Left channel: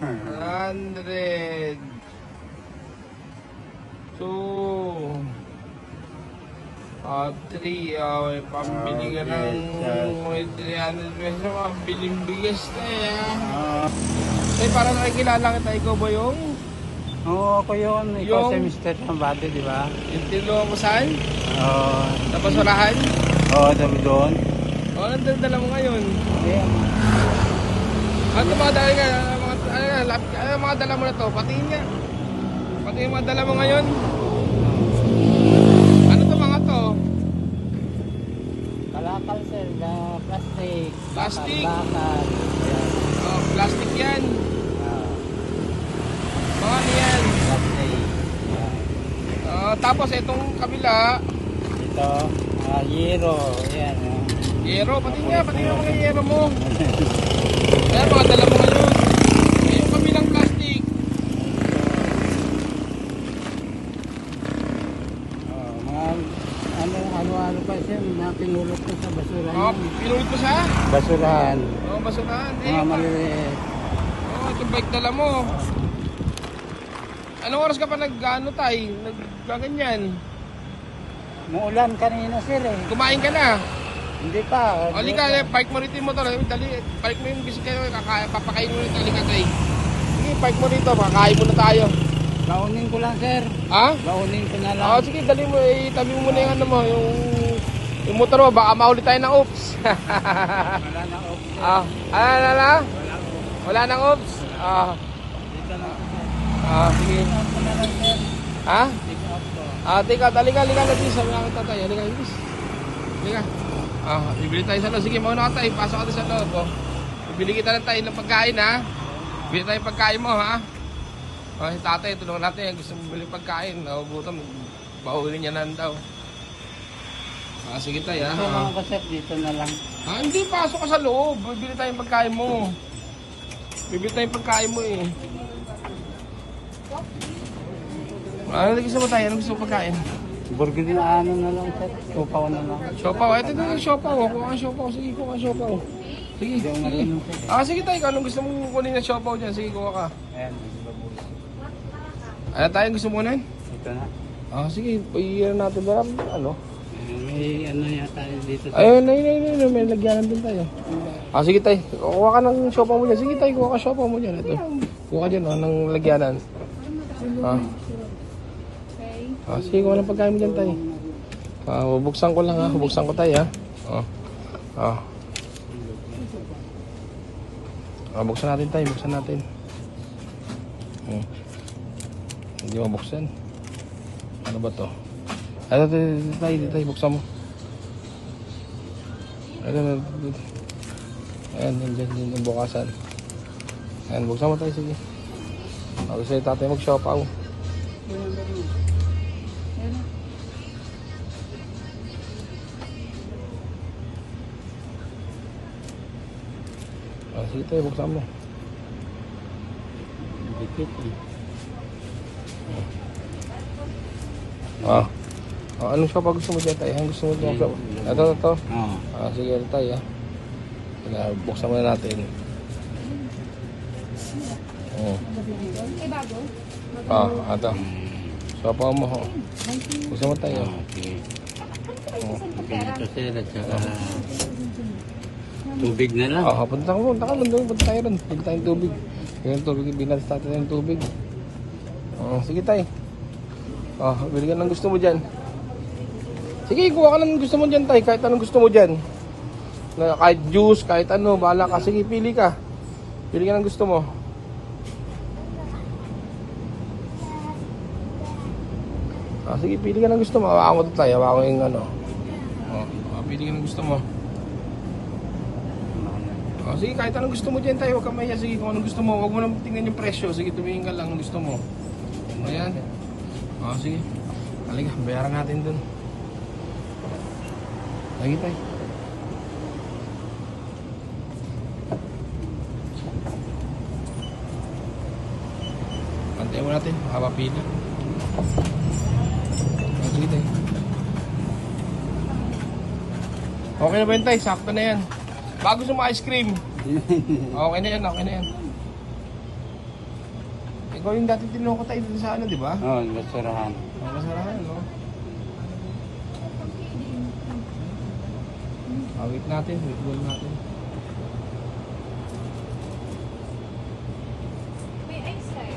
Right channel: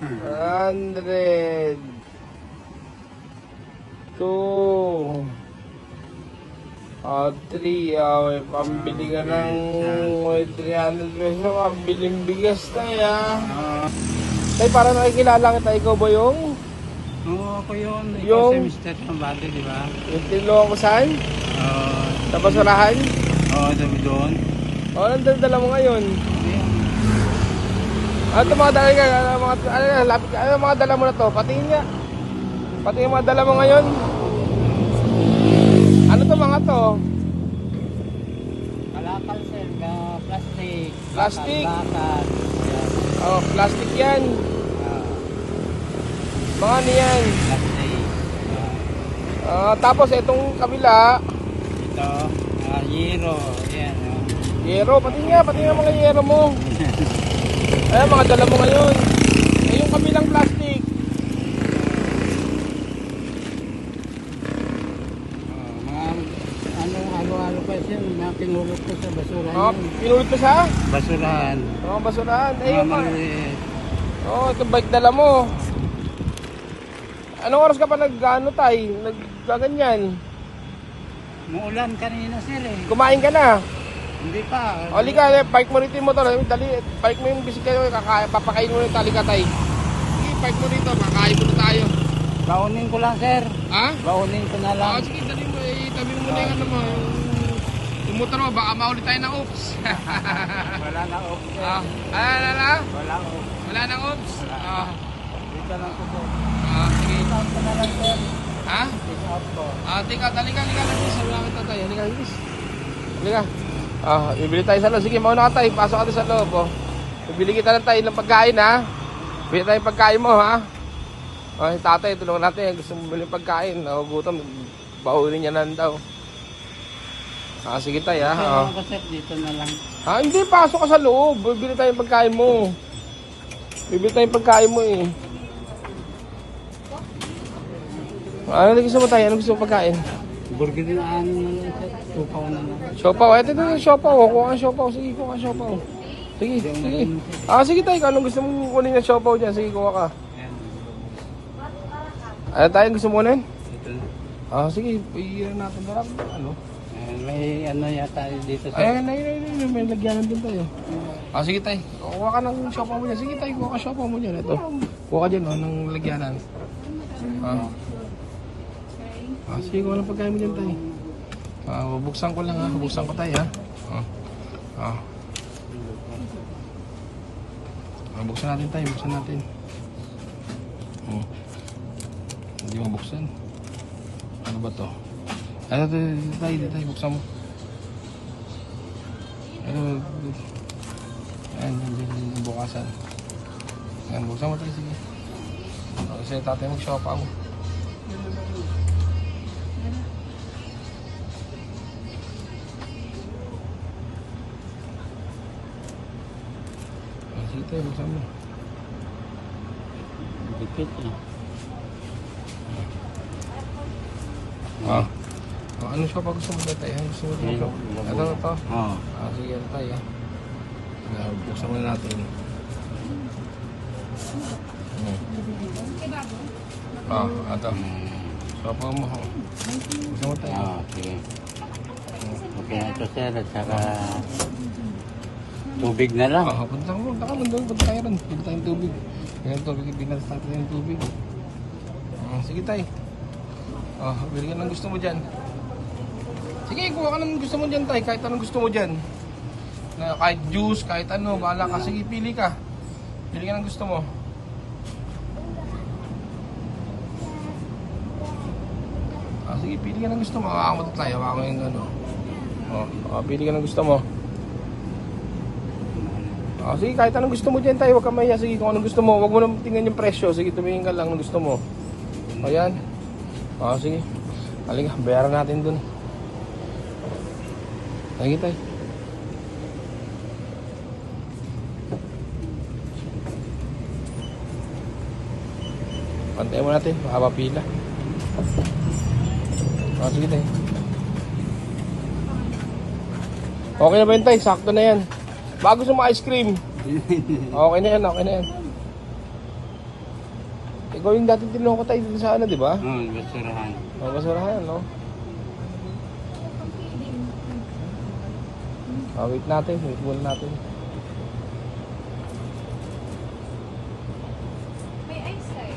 100. 2. 3. May pambili ka ng may 300 pesos. Pambiling bigas tayo. Ay, parang nakikilala kita. Ikaw ba yun? Oo, ako yun. Ikaw Yung- si Mr. Tambate, di ba? Yung tilo mo saan? Oo. Sa basurahan? Oo, sabi doon. O, nandang dala mo ngayon. Ayan. Ano mga dala ka? Ano mga dala mo na to? Patingin nga. Pati yung mga dala mo ngayon. Ano to mga to? Kalakal, sir. Na plastic. Plastic? Bakal. Ayan. Oh, plastic yan. Ah, Mga yan. plastic. Tapos itong kabila, Ito. Yero. Ayan. yero. Pati nga yung mga yero mo. Eh, mga dala mo ngayon. Eh, yung kabilang plastic. Mga ano pa siya. Napingulot ko sa basura Oh, niya. pinulot ko sa Basurahan. mga basurahan. Eh, Mga maliliit. itong bike dala mo. Anong oras ka pa nag-ano tayo? Nag-ganyan? Muulan kanina, sir eh. Kumain ka na. Hindi pa. O, ka, park mo rito yung motor. Dali, park mo yung bisikyo. Papakain mo yung talikatay. Sige, park mo rito. Makakain mo na tayo. Baunin ko lang, sir. Ha? Baunin ko na lang. Oo, sige, dali mo. Tabi mo na yung ano mo. Yung motor mo. Baka mahuli tayo ng oops. Wala na off, sir. Wala na? Wala off. Wala nang oops? Dito lang ko, sir. Sige. Take out ko na lang, sir. Ha? Take out ko. Tika, halika lagi. Sabi namin tatay. Halika, halika. Halika. Bibili tayo sa loob. Sige, mauna ka tayo. Pasok ka sa loob. Bibili kita lang tayo ng pagkain, ha? Bili tayo ng pagkain mo, ha? Yung tatay, tulungan natin. Gusto mo bili ng pagkain. Nagugutom. Baulin niya lang daw. Sige tayo, ha? Sir, ako, sir, dito na lang. Hindi. Pasok ka sa loob. Bibili tayo ng pagkain mo. Bibili tayo ng pagkain mo, eh. Ano gusto mo tayo? Ano gusto mo pagkain? Burger na ano na lang, sir. Tupaw na lang. Sopaw. Ito din yung sopaw. Kuha ka sopaw. Sige, kuha ka sopaw. Sige. Hindi mo Sige. marunong, sir. Sige tayo. Anong gusto mo kunin ng sopaw dyan? Sige, kuha ka. Ayan. Ano tayo? Gusto mo nun? Dito na. Sige. Iyan natin ba? Ano? Ayan, may ano yata dito, sir. Ayun. May lagyanan din tayo. Sige tayo. Kuha ka ng sopaw mo dyan. Sige tayo. Kuha ka sopaw mo dyan. Ito. Kuha ka dyan, ng lagyanan. Sige, kuha ng pagkain mo dyan tayo. Bubuksan ko lang, ha. Bubuksan ko tayo, ha. Buksan natin tayo. Buksan natin. Hindi mabuksan. Ano ba to? Ito tayo. Buksan mo. Ayan, yung bukasan. Ayan, buksan mo tayo. Sige. Kasi tatay mag-shopaw. Sige tayo, buksan mo. Dikit eh. Ano siya pa gusto mo dyan tayo? Gusto mo dyan ito? Ito. Sige, ito tayo. Buksan mo na natin. Ito. Sopa mo. Gusto mo tayo? Sige. Okay na ito, sir. At saka tubig na lang. Punta tayo rin. Punta tayong tubig. Yung tubig, binals natin yung tubig. Sige tayo. Bili ka ng gusto mo dyan. Sige, kuha ka ng gusto mo dyan tayo. Kahit anong gusto mo dyan. Kahit juice, kahit ano, bahala ka. Sige, pili ka. Pili ka ng gusto mo. Sige, pili ka ng gusto mo. Hawakan mo tayo. Hawakan mo yung ano. Pili ka ng gusto mo. Sige, kahit anong gusto mo dyan tayo. Huwag ka mahiya. Sige, kung anong gusto mo. Huwag mo lang tingnan yung presyo. Sige, tumingin ka lang ng gusto mo. Ayan. Sige. Halika, bayaran natin dun. Sige tayo. Pagkain mo natin, baka mapila. Sige tayo. Okay na ba yun tayo? Sakto na yan. Bago sa mga ice cream. Okay na yan, okay na yan. Ikaw yung dating tinulungan ko tayo dito sa ano, di ba? Oo, basurahan. May basurahan, no? Wait natin, wait muna natin. May ice tayo.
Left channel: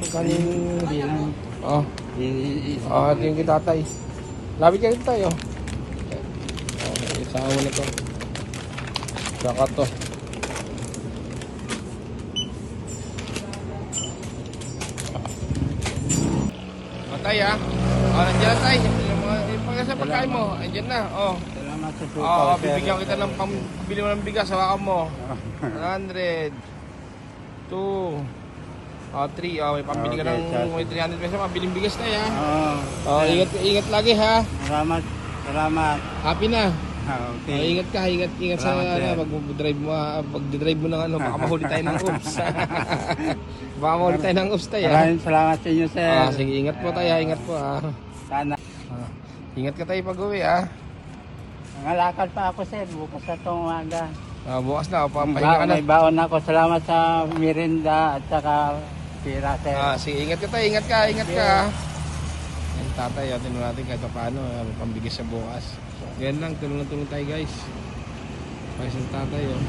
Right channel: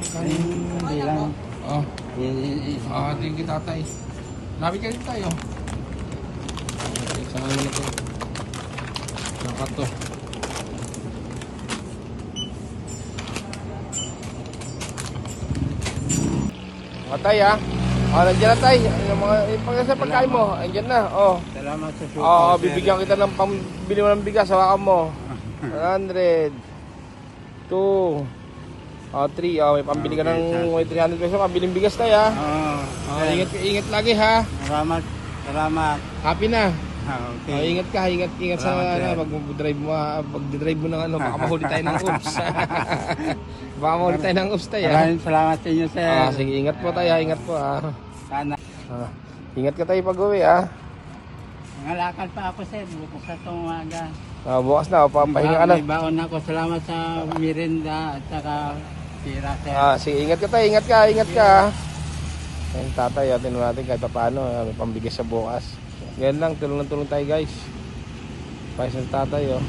Hindi lang. Oh, Isa. hatiin kita tatay. Lapit kayo tayo. Isama mo na to. Saka to. Tatay ha. Nandiyan na tayo. Mga sa pagkain mo. Nandiyan na. Oh. Salamat sa suko, Oo, sir. bibigyan kita ng pambili mo ng bigas. Hawakan mo. 100. 2. 3. May pambili ka Okay, ng sir. may 300 pesos. Pambiling bigas tayo ha. Oo. Oh, ingat lagi ha. Salamat. Salamat. Happy na. Okay. Ingat ka, ingat sa Salamat, sir. pag-drive mo, pag-drive mo ng ano, baka mahuli tayo ng oops. Baka mahuli tayo ng oops tayo. Maraming salamat sa inyo, sir. Sige, ingat po tayo, ingat po ah. Sana. Ingat ka tayo pag-uwi ah. Nangalakal pa ako, sir. Bukas na itong umaga. Bukas na, papahinga ka na. May baon ako. Salamat sa mirinda at saka tira, sir. Sige, ingat ka tayo, ingat ka, ingat ka. Ang tatay, atin natin kahit paano, may pambigas sa bukas. Ganyan lang, tulong tayo guys. Para sa tatay oh.